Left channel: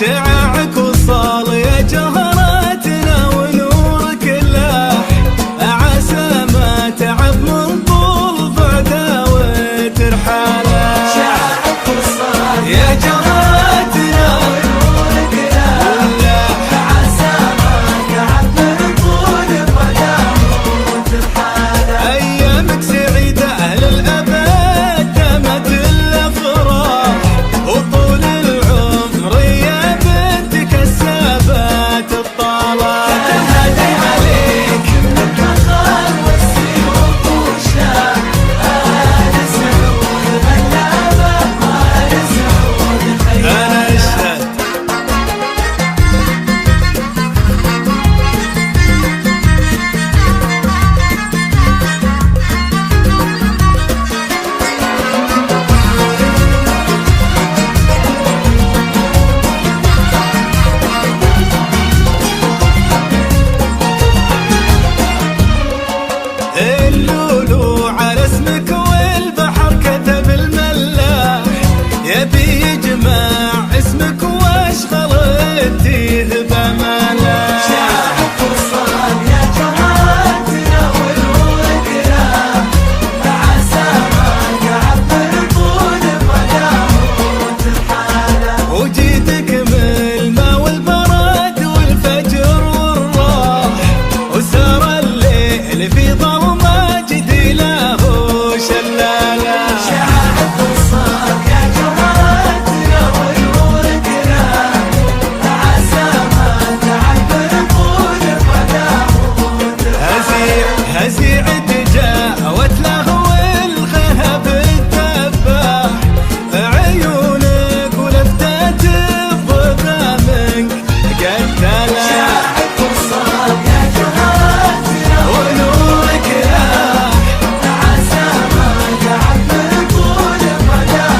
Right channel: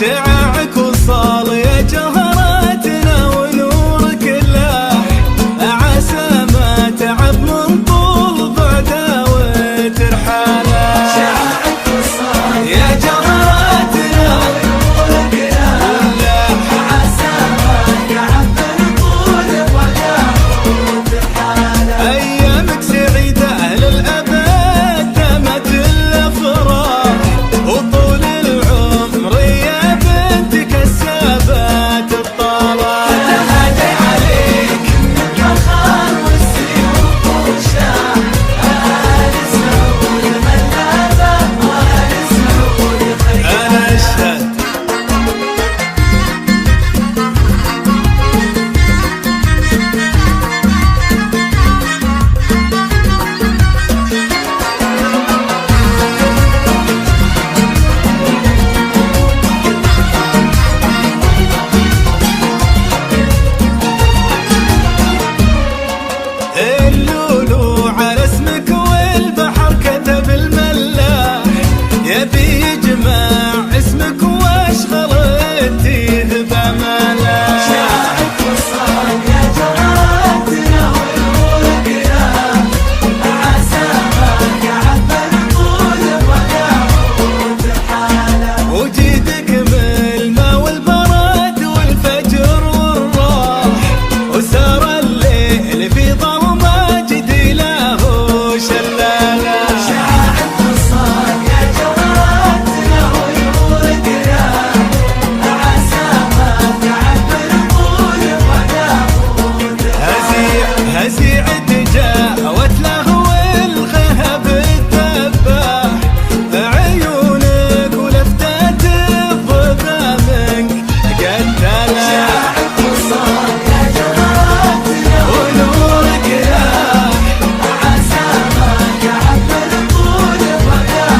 شعاعك وصال يا جهراتنا ونورك لاح، عسى ما تعب من طول بعده وترحاله. شعاعك وصال يا جهراتنا ونورك لاح، عسى ما تعب من طول بعده وترحاله. أيامك سعيدة للأبد دامت الأفراح، وطول العمر كسبت الطلعة تهدي عليك خالص سيوف وشام آل سعود غلابة آل سعود أنا أشهد. اللولو على اسمك والبحر كتب الملاح، يبي يجمع اسمك واشغل التيه بملاح. شعرك وصال يا جهراتنا ونورك لاح، عسى ما يعبر طول الوداع وترحاله. وجيدك من الماء والبرد والفجر والراح، وسار الليل في ظلمة جدي له شلالة. شعاعك وصال يا جهراتنا ونورك لاح، عسى ما تعبر طول الوداع وترحاله. هزيع تجاوت له والغهب الذباح، عيونك ولفتات الظبا منك قتله. شعاعك وصال يا جهراتنا ونورك لاح، عسى ما تعبر طول الوداع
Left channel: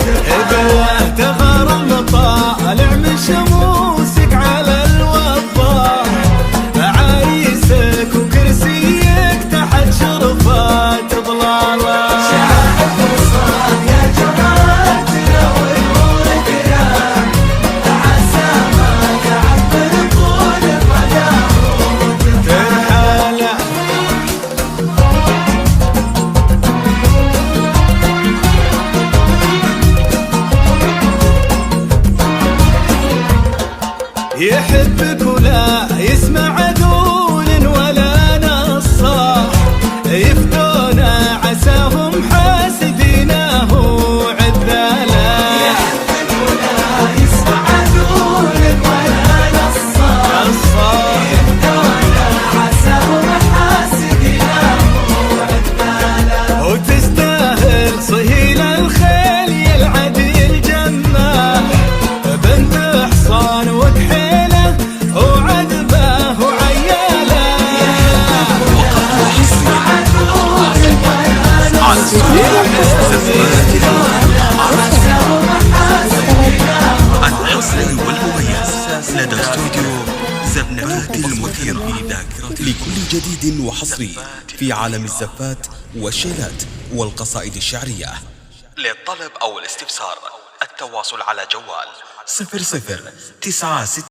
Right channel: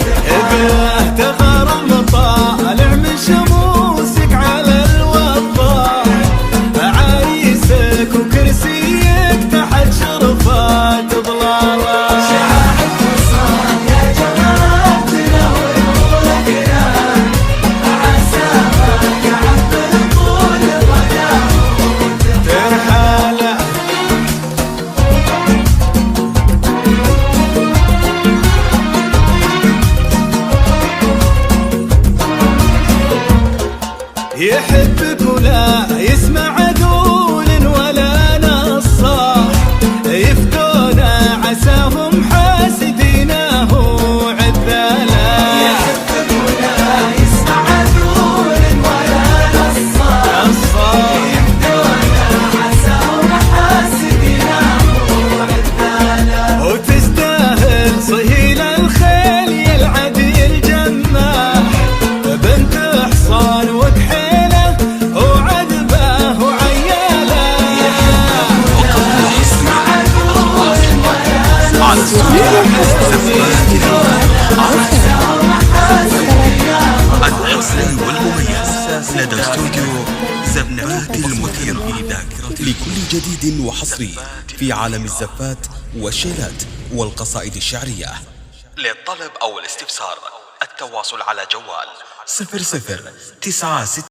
وترحاله. تغرم طالع من شموسك على الوضاح، عريسك وكرسيك تحت شرفات ظلاله. شعاعك وصال يا جهراتنا ونورك لاح، عسى ما تعبر طول الوداع وترحاله. يحبك ولا يسمع قول ولا نصاح، يفدونا عساهم حاسدينه عذاله. يحبك ولا يسمع قول ولا نصاح، يفدونا عساهم حاسدينه عذاله. وتستاهل صهيل الخيل يا العديل جماح، بنت حصان وكحيله وعذبه وعياله. وقد وحصريا على زفات الحصري والمميز لدى استوديو زفات المثيرة لكل جديد وحصري في عالم الزفات والشيلات والقصائد الشعرية. للطلب أو الاستفسار التواصل على جوال 0096